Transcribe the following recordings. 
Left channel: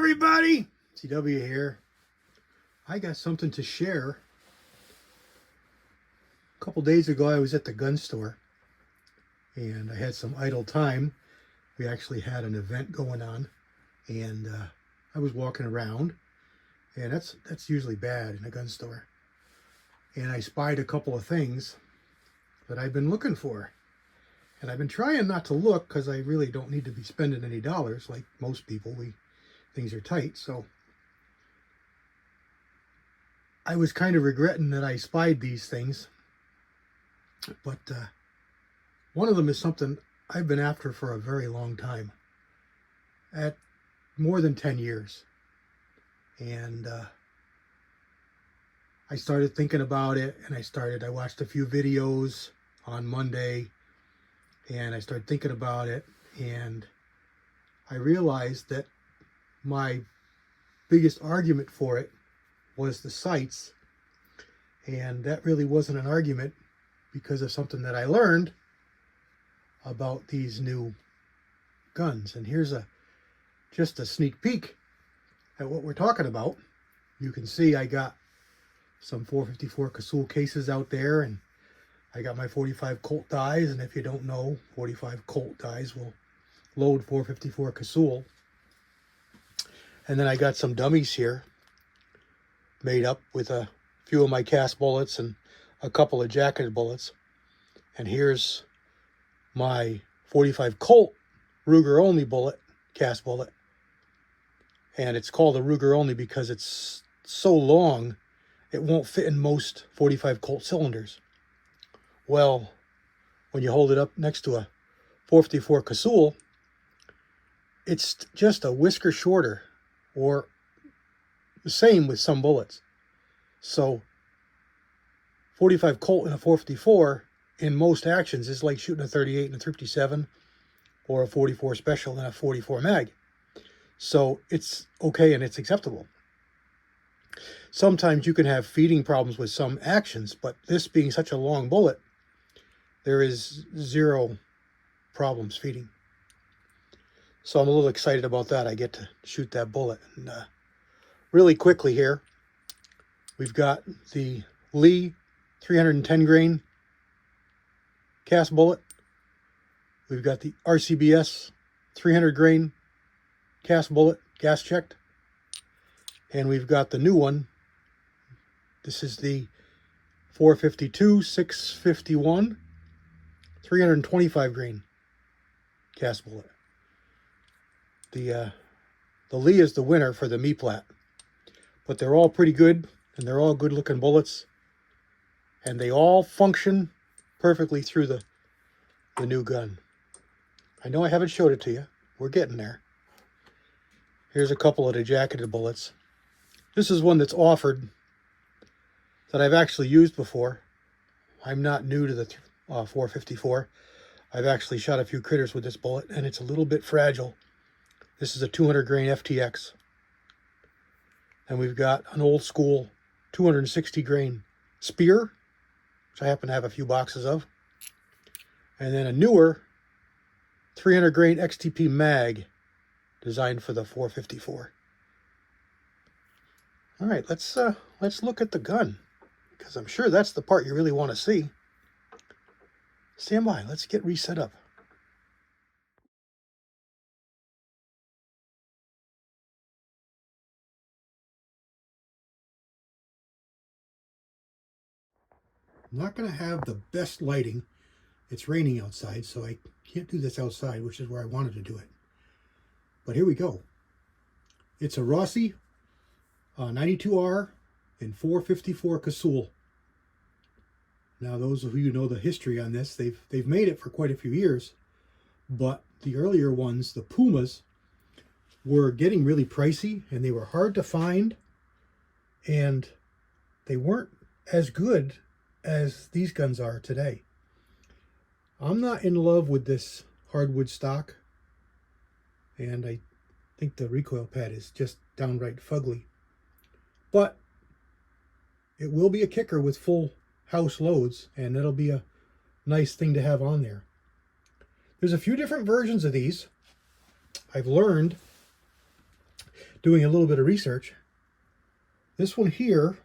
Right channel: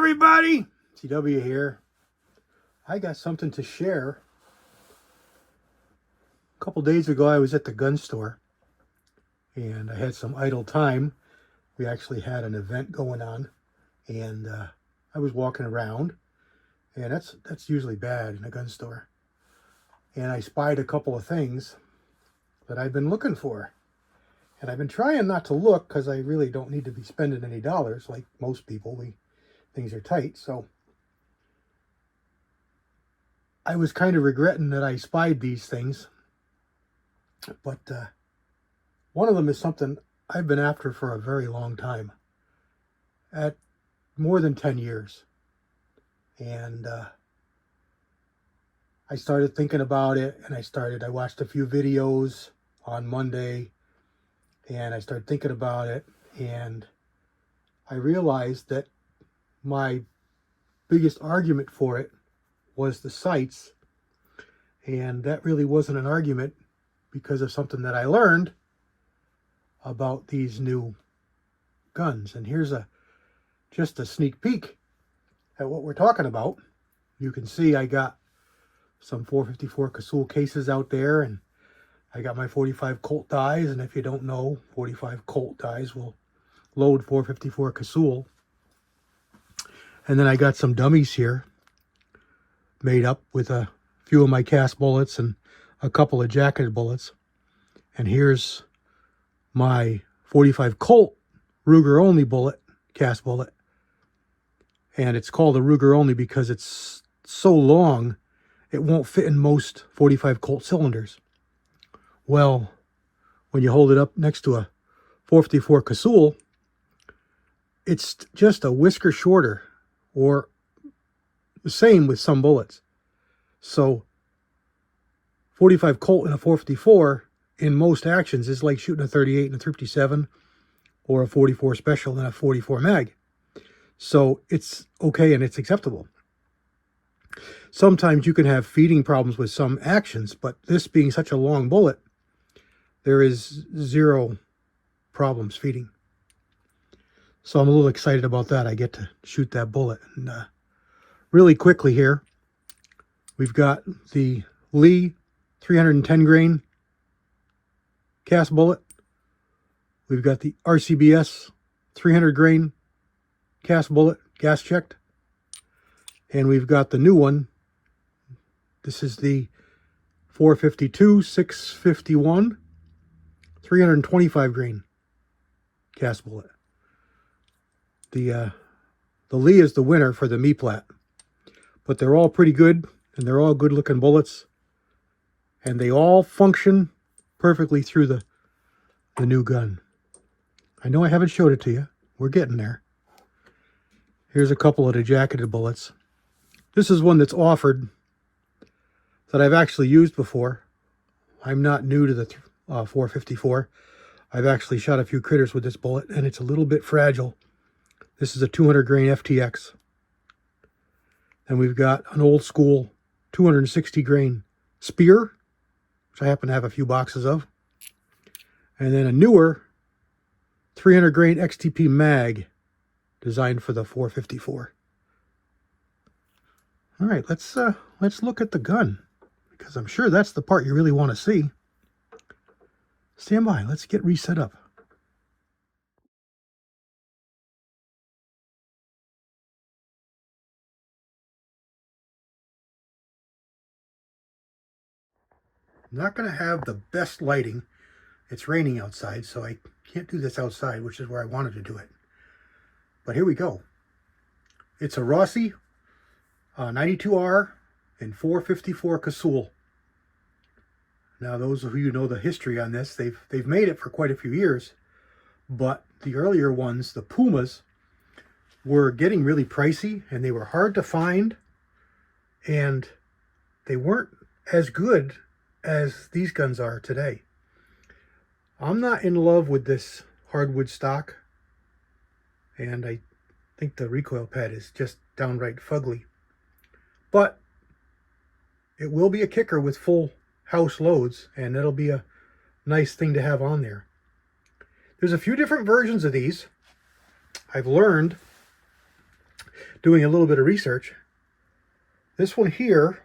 everybody, CW here. I got something to share. A couple days ago I was at the gun store and I had some idle time. We actually had an event going on and I was walking around, and that's usually bad in a gun store. And I spied a couple of things that I've been looking for. And I've been trying not to look because I really don't need to be spending any dollars like most people. Things are tight, so I was kind of regretting that I spied these things. But one of them is something I've been after for a very long time, at more than 10 years. And I started thinking about it, and I watched a few videos on Monday, and I started thinking about it, and I realized that my biggest argument for it was the sights, and that really wasn't an argument because of something that I learned about these new guns. And here's just a sneak peek at what we're talking about. You can see I got some 454 Casull cases out there, and I got my 45 Colt dies, and if you don't know, 45 Colt dies will load 454 Casull. And then I got some dummies here made up with a few of my cast bullets and a couple of jacketed bullets. And here's my 45 Colt Ruger only bullet, cast bullet. And it's called a Ruger only because it's so long it won't fit in most 45 Colt cylinders. Well, when you hold it up next to a 454 Casull, it's just a whisker shorter, or the same with some bullets. So 45 Colt and a 454 in most actions is like shooting a 38 and a 357 or a 44 special and a 44 mag. So it's okay and it's acceptable. Sometimes you can have feeding problems with some actions, but this being such a long bullet, there is zero problems feeding. So I'm a little excited about that. I get to shoot that bullet. And really quickly here, we've got the Lee 310 grain cast bullet. We've got the RCBS 300 grain cast bullet, gas checked. And we've got the new one. This is the 452 651 325 grain cast bullet. The Lee is the winner for the me-plat, but they're all pretty good, and they're all good looking bullets, and they all function perfectly through the new gun. I know I haven't showed it to you. We're getting there. Here's a couple of the jacketed bullets. This is one that's offered that I've actually used before. I'm not new to the 454. I've actually shot a few critters with this bullet, and it's a little bit fragile. This is a 200 grain FTX. And we've got an old school 260 grain Spear, which I happen to have a few boxes of. And then a newer 300 grain XTP mag designed for the 454. All right, let's look at the gun, because I'm sure that's the part you really want to see. Stand by, let's get reset up. I'm not going to have the best lighting. It's raining outside, so I can't do this outside, which is where I wanted to do it. But here we go. It's a Rossi R92 and 454 Casull. Now, those of you who know the history on this, they've made it for quite a few years, but the earlier ones, the Pumas, were getting really pricey, and they were hard to find, and they weren't as good as these guns are today. I'm not in love with this hardwood stock, and I think the recoil pad is just downright fugly. But it will be a kicker with full house loads, and it'll be a nice thing to have on there. There's a few different versions of these. I've learned doing a little bit of research. This one here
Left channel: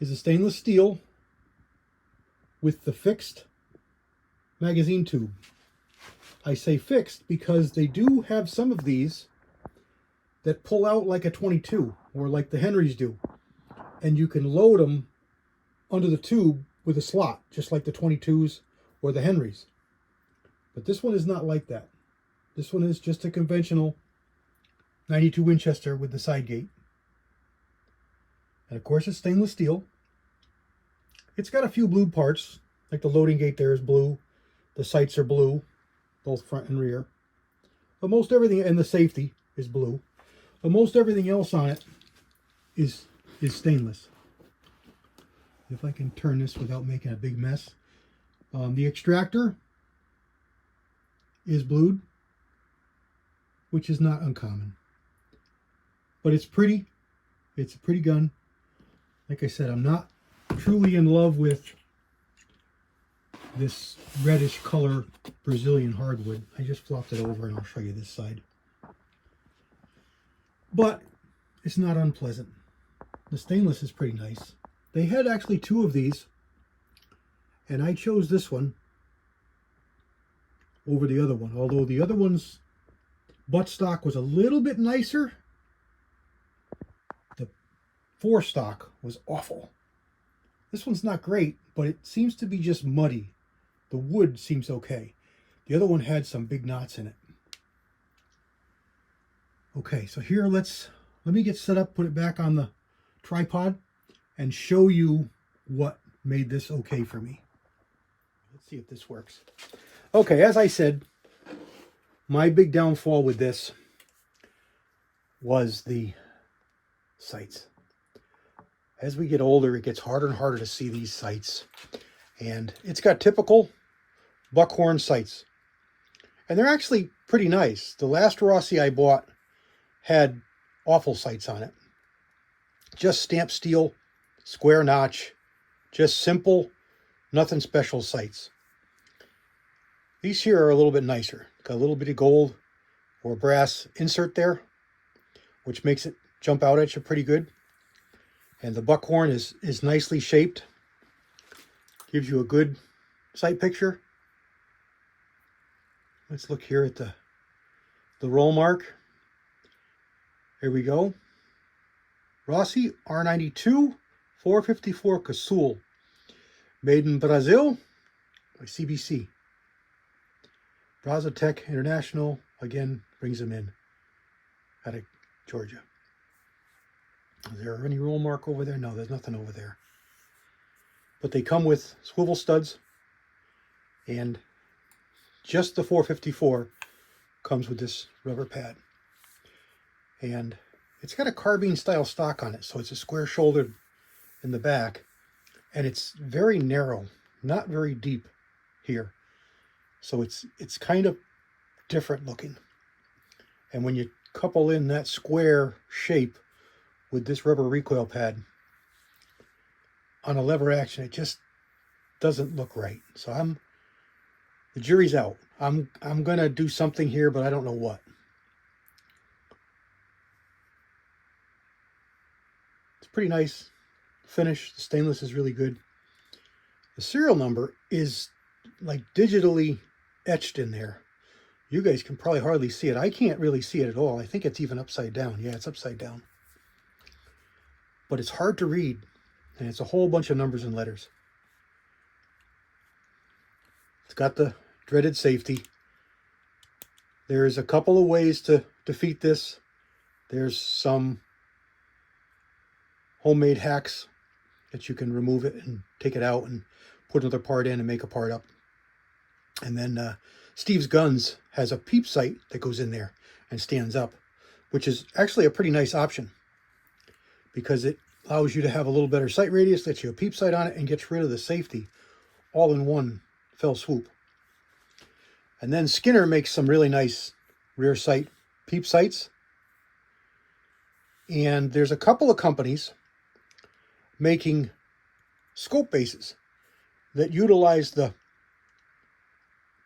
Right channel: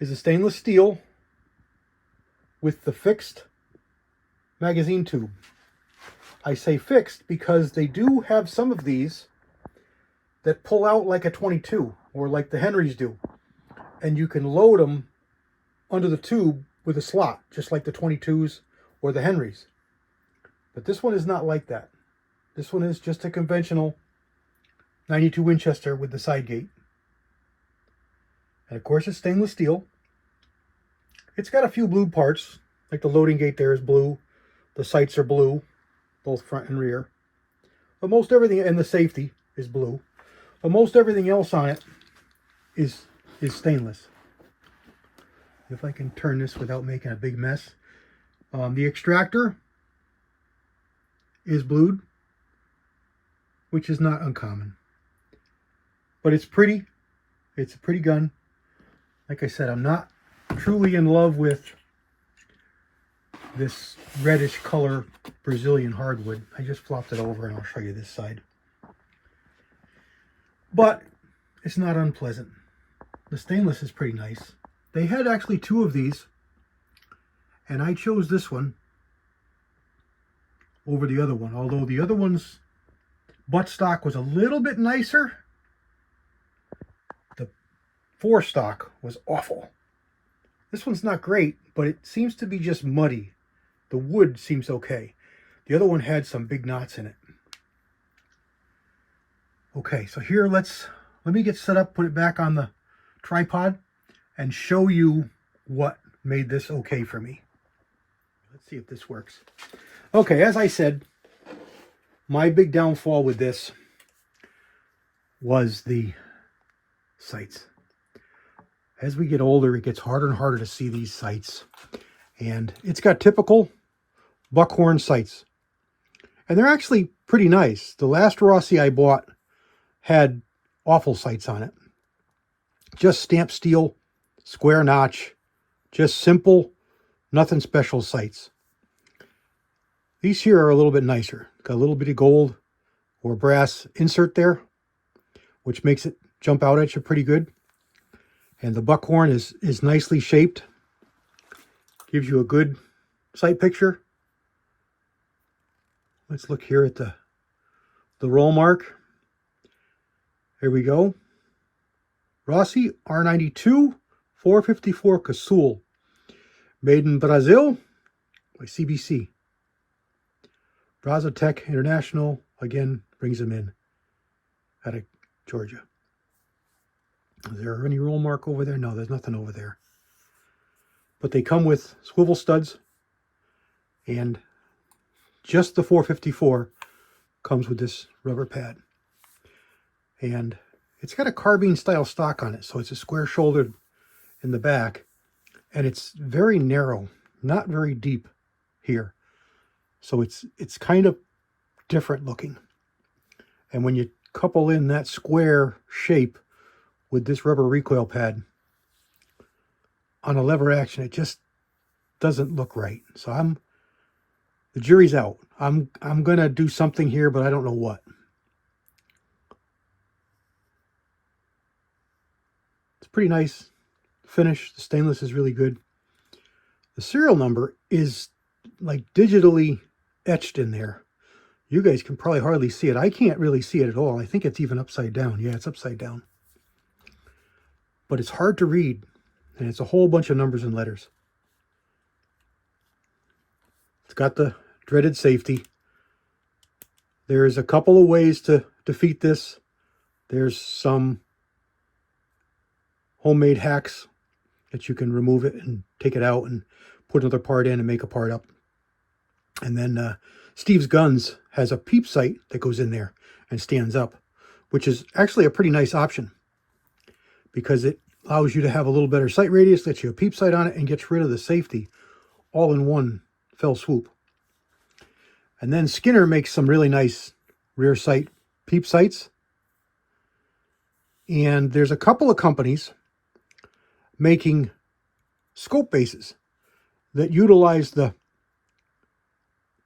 is a stainless steel with the fixed magazine tube. I say fixed because they do have some of these that pull out like a 22 or like the Henrys do. And you can load them under the tube with a slot, just like the 22s or the Henrys. But this one is not like that. This one is just a conventional 92 Winchester with the side gate. And of course it's stainless steel. It's got a few blue parts, like the loading gate there is blue. The sights are blue, both front and rear. But most everything, and the safety is blue. But most everything else on it is stainless. If I can turn this without making a big mess. The extractor is blued, which is not uncommon. But it's pretty. It's a pretty gun. Like I said, I'm not truly in love with this reddish color Brazilian hardwood. I just flopped it over and I'll show you this side. But it's not unpleasant. The stainless is pretty nice. They had actually two of these, and I chose this one over the other one, although the other one's buttstock was a little bit nicer. The forestock was awful. This one's not great, but it seems to be just muddy. The wood seems okay. The other one had some big knots in it. Okay, so here let me get set up, put it back on the tripod, and show you what made this okay for me. Let's see if this works. Okay, as I said, my big downfall with this was the sights. As we get older, it gets harder and harder to see these sights. And it's got typical buckhorn sights. And they're actually pretty nice. The last Rossi I bought had awful sights on it. Just stamped steel, square notch, just simple, nothing special sights. These here are a little bit nicer. Got a little bit of gold or brass insert there, which makes it jump out at you pretty good. And the buckhorn is nicely shaped. Gives you a good sight picture. Let's look here at the roll mark. There we go. Rossi R92 454 Casull. Made in Brazil by CBC. Brazotech International, again, brings them in out of Georgia. Is there any roll mark over there? No, there's nothing over there. But they come with swivel studs, and just the 454 comes with this rubber pad. And it's got a carbine style stock on it, so it's a square shouldered in the back, and it's very narrow, not very deep here. So it's kind of different looking. And when you couple in that square shape with this rubber recoil pad on a lever action, it just doesn't look right. So the jury's out. I'm gonna do something here, but I don't know what. It's pretty nice finish. The stainless is really good. The serial number is like digitally etched in there. You guys can probably hardly see it. I can't really see it at all. I think it's even upside down. Yeah, it's upside down. But it's hard to read, and it's a whole bunch of numbers and letters. It's got the dreaded safety. There's a couple of ways to defeat this. There's some homemade hacks that you can remove it and take it out and put another part in and make a part up. And then Steve's Guns has a peep sight that goes in there and stands up, which is actually a pretty nice option because it allows you to have a little better sight radius, lets you a peep sight on it, and gets rid of the safety all in one fell swoop. And then Skinner makes some really nice rear sight peep sights. And there's a couple of companies making scope bases that utilize the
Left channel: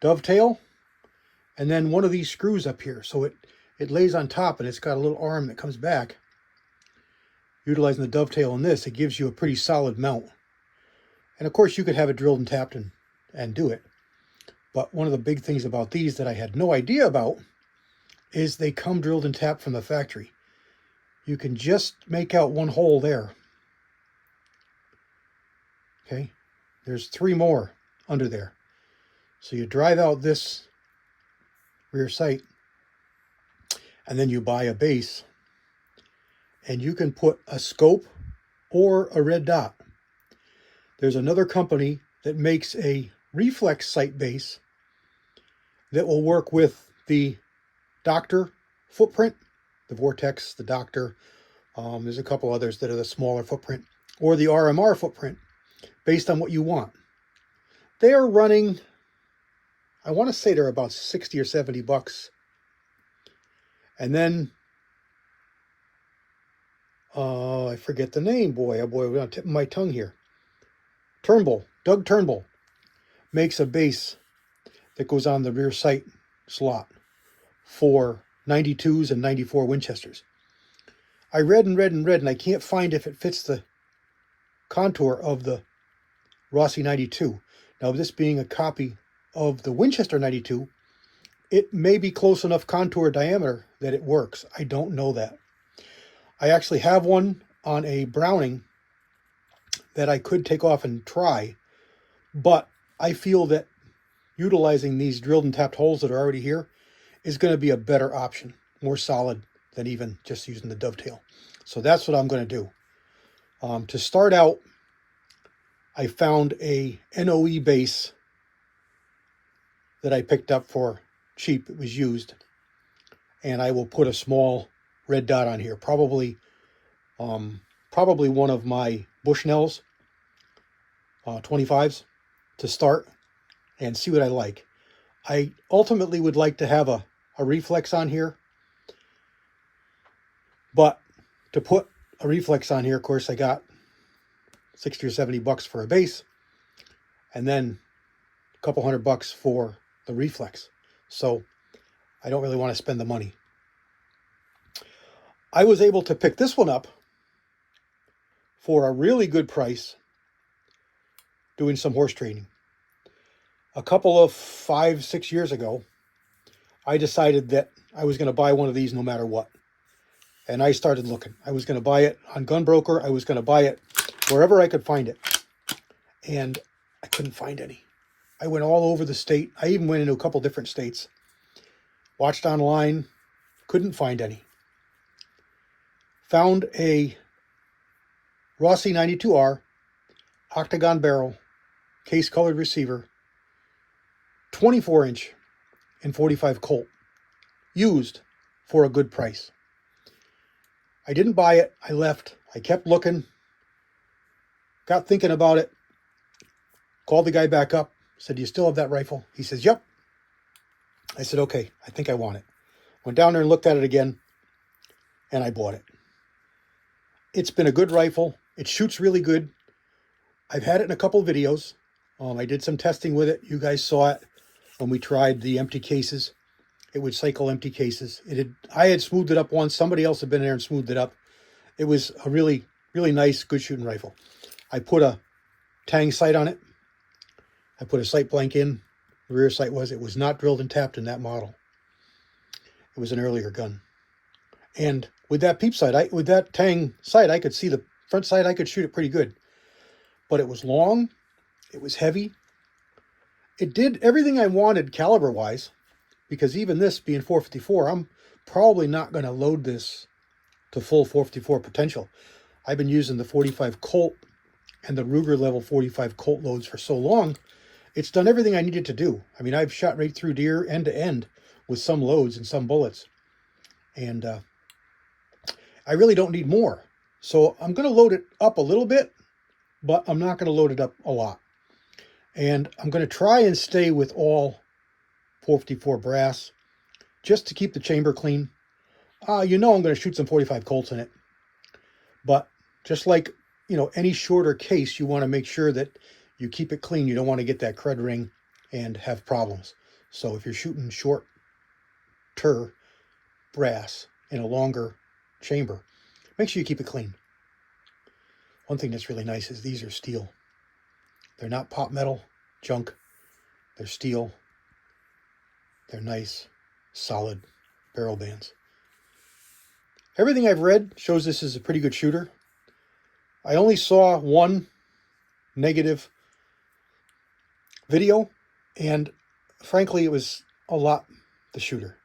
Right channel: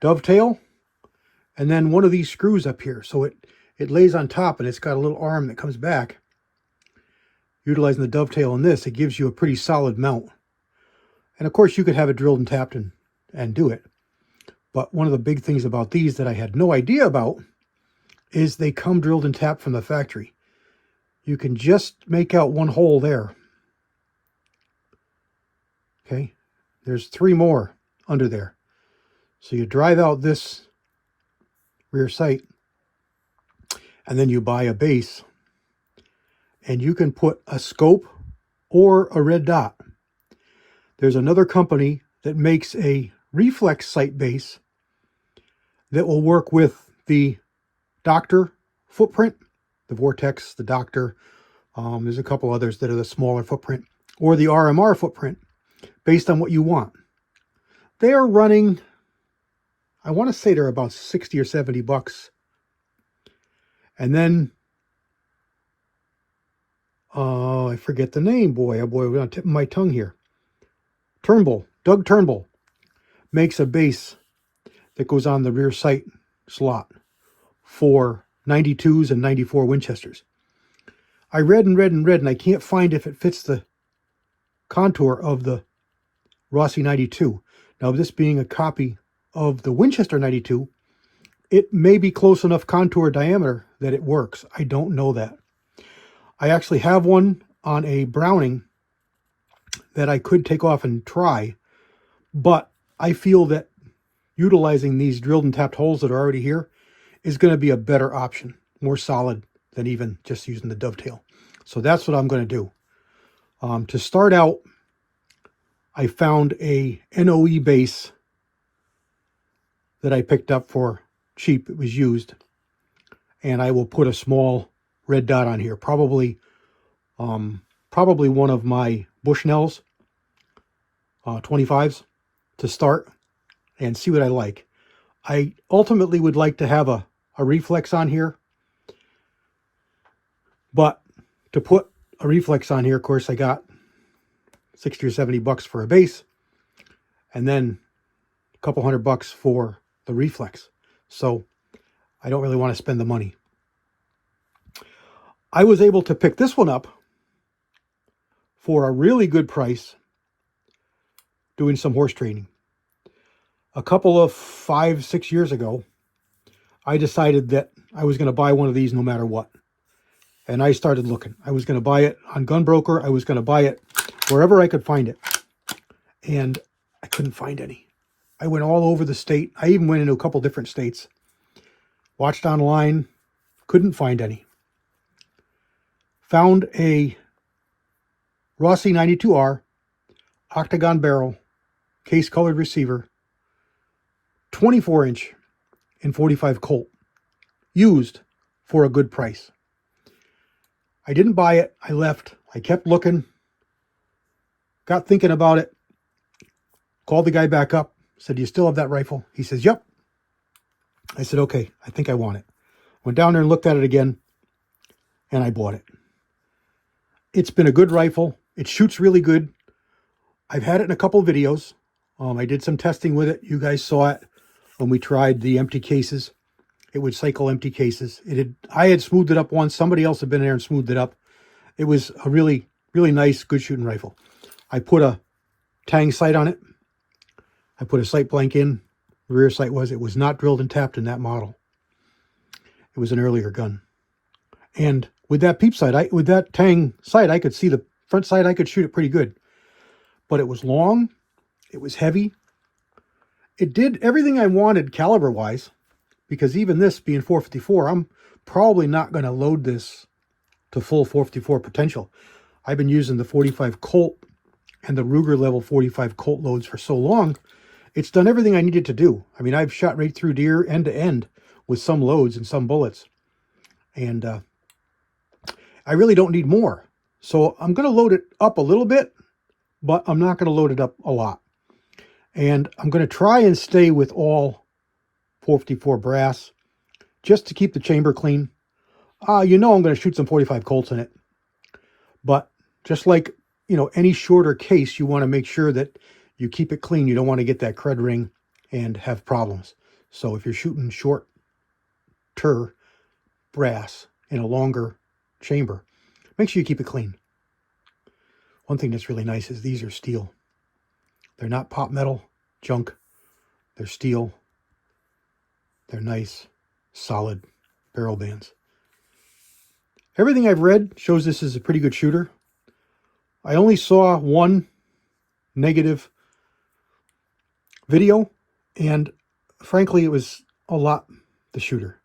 dovetail and then one of these screws up here. So it it lays on top and it's got a little arm that comes back. Utilizing the dovetail in this, it gives you a pretty solid mount. And of course you could have it drilled and tapped and do it. But one of the big things about these that I had no idea about is they come drilled and tapped from the factory. You can just make out one hole there. Okay, there's 3 more under there. So you drive out this rear sight and then you buy a base and you can put a scope or a red dot. There's another company that makes a reflex sight base that will work with the Doctor footprint, the Vortex, the Doctor. There's a couple others that are the smaller footprint, or the RMR footprint, based on what you want. They are running, I want to say they're about 60 or 70 bucks. And then, I forget the name, boy, oh boy, we're on the tip of my tongue here. Turnbull, Doug Turnbull, makes a base that goes on the rear sight slot for 92s and 94 Winchesters. I read and I can't find if it fits the contour of the Rossi 92. Now, this being a copy of the Winchester 92, it may be close enough contour diameter that it works. I don't know that. I actually have one on a Browning that I could take off and try, but I feel that utilizing these drilled and tapped holes that are already here is going to be a better option, more solid than even just using the dovetail. So that's what I'm going to do. To start out, I found a NOE base that I picked up for cheap. It was used. And I will put a small red dot on here. Probably one of my Bushnells 25s to start and see what I like. I ultimately would like to have a reflex on here. But to put a reflex on here, of course, I got 60 or 70 bucks for a base, and then a couple $100 for the reflex. So I don't really want to spend the money. I was able to pick this one up for a really good price doing some horse training. A couple of 5-6 years ago, I decided that I was going to buy one of these no matter what. And I started looking. I was going to buy it on Gunbroker. I was going to buy it wherever I could find it. And I couldn't find any. I went all over the state. I even went into a couple different states. Watched online. Couldn't find any. Found a Rossi 92R octagon barrel case colored receiver, 24-inch in 45 Colt, used for a good price. I didn't buy it. I left. I kept looking. Got thinking about it. Called the guy back up. Said, "Do you still have that rifle?" He says, "Yep." I said, "Okay, I think I want it." Went down there and looked at it again, and I bought it. It's been a good rifle. It shoots really good. I've had it in a couple of videos. I did some testing with it. You guys saw it when we tried the empty cases. It would cycle empty cases. I had smoothed it up once. Somebody else had been there and smoothed it up. It was a really, really nice, good shooting rifle. I put a Tang sight on it. I put a sight blank in. The rear sight it was not drilled and tapped in that model. It was an earlier gun. And with that peep sight, with that Tang sight, I could see the front sight. I could shoot it pretty good. But it was long. It was heavy. It did everything I wanted caliber-wise. Because even this being 454, I'm probably not going to load this to full 454 potential. I've been using the 45 Colt and the Ruger level 45 Colt loads for so long. It's done everything I needed to do. I mean, I've shot right through deer end to end with some loads and some bullets. And I really don't need more. So I'm going to load it up a little bit, but I'm not going to load it up a lot. And I'm going to try and stay with all 454 brass, just to keep the chamber clean. You know I'm going to shoot some 45 Colts in it. But just like, any shorter case, you want to make sure that you keep it clean. You don't want to get that crud ring and have problems. So if you're shooting shorter, brass in a longer chamber. Make sure you keep it clean. One thing that's really nice is these are steel. They're not pot metal junk. They're steel. They're nice, solid barrel bands. Everything I've read shows this is a pretty good shooter. I only saw one negative video, and frankly, it was a lot the shooter.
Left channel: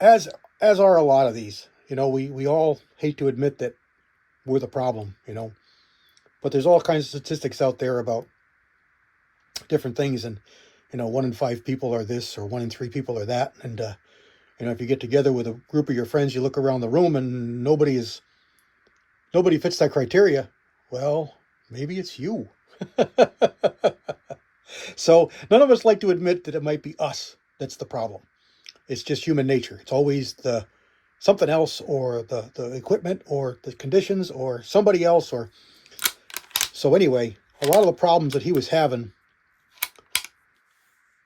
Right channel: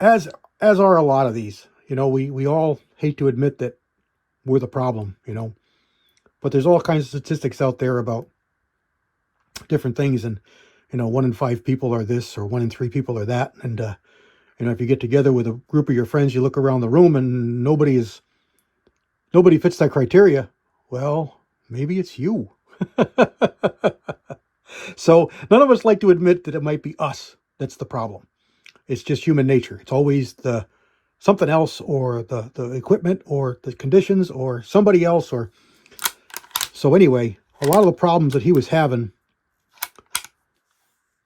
As are a lot of these. You know, we all hate to admit that we're the problem, you know. But there's all kinds of statistics out there about different things, and you know, 1 in 5 people are this, or 1 in 3 people are that, and you know, if you get together with a group of your friends, you look around the room and nobody fits that criteria. Well, maybe it's you. So none of us like to admit that it might be us that's the problem. It's just human nature. It's always the something else, or the equipment, or the conditions, or somebody else. Or so anyway, a lot of the problems that he was having,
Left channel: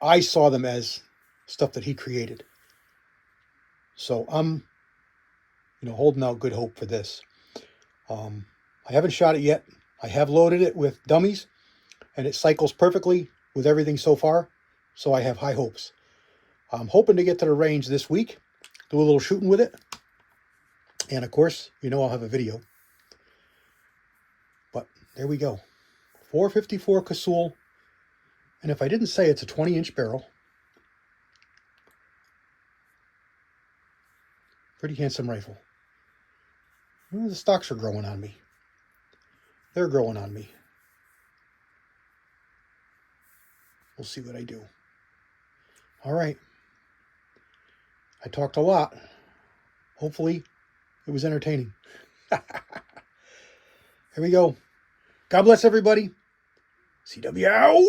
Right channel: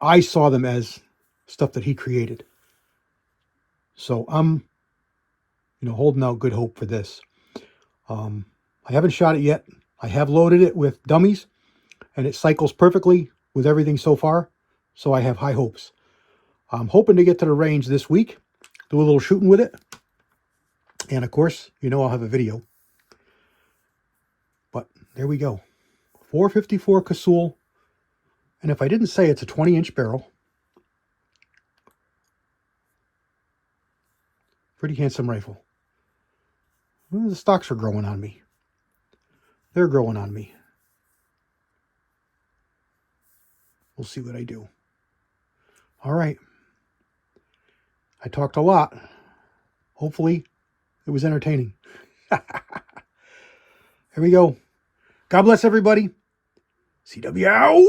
I saw them as stuff that he created. So I'm, you know, holding out good hope for this. I haven't shot it yet. I have loaded it with dummies, and it cycles perfectly with everything so far. So I have high hopes. I'm hoping to get to the range this week, do a little shooting with it. And of course, you know, I'll have a video. But there we go. 454 Casull. And if I didn't say, it's a 20-inch barrel. Pretty handsome rifle. Well, the stocks are growing on me. They're growing on me. We'll see what I do. All right. I talked a lot. Hopefully, it was entertaining. Here we go. God bless everybody. CW out.